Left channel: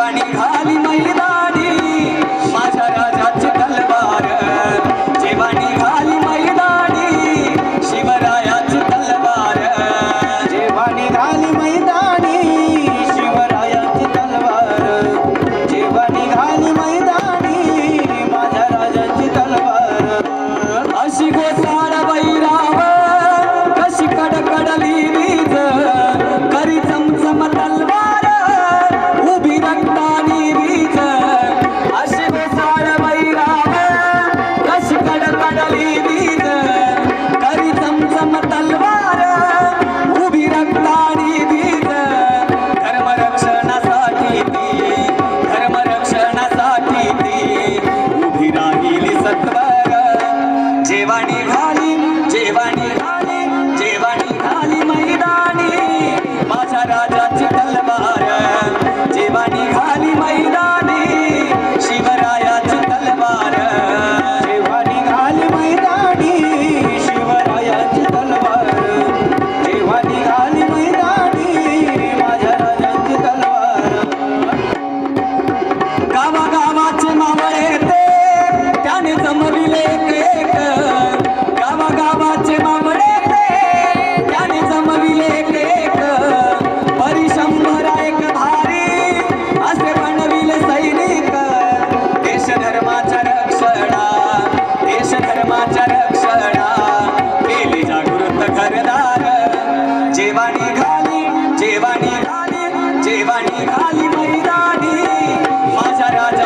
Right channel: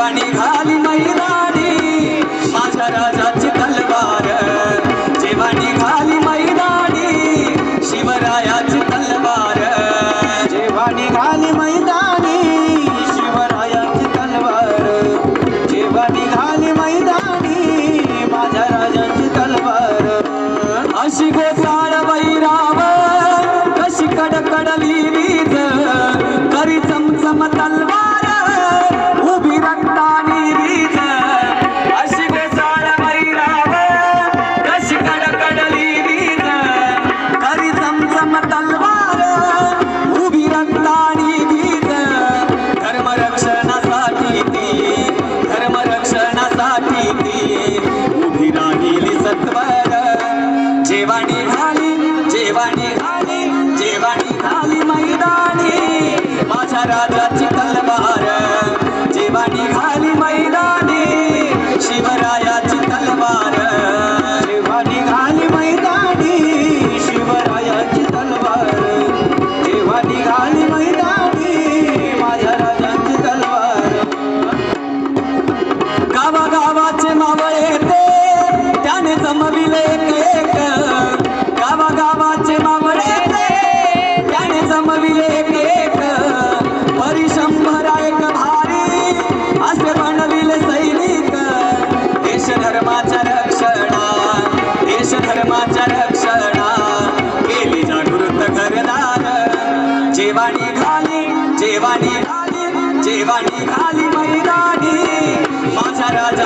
जेव्हा निघाली मैदानी माझ्या राजाची तलवार, जेव्हा निघाली मैदानी शिवरायाची तलवार, जेव्हा निघाली मैदानी शिवरायाची तलवार, जेव्हा निघाली मैदानी माझ्या राजाची तलवार. अशी गोसाळ वैरावर कशी कडकडली वीज, करी चमचम तलवार उभी रक्तानी वीज. अशी गोसाळ वैरावर कशी कडकडली वीज, करी चमचम तलवार उभी रक्तानी वीज. धर्मरक्षणासाठी ती, धर्मरक्षणासाठी ती उभी राहिली सत्वर. जेव्हा निघाली, जेव्हा निघाली, जेव्हा निघाली मैदानी माझ्या राजाची तलवार, जेव्हा निघाली मैदानी शिवरायाची तलवार, जेव्हा निघाली मैदानी शिवरायाची तलवार, जेव्हा निघाली मैदानी माझ्या राजाची तलवार. गावागावाचे मावळे ते त्याने जमविले एक, गावागावाचे मावळे ते त्याने जमविले एक. परिशंभरा एक भारी असे बनविले सैनिक. देश धर्माच्या रक्षणा, देश धर्माच्या रक्षणा केली जागृत घरदार. जेव्हा निघाली, जेव्हा निघाली, जेव्हा निघाली मैदानी माझ्या राजा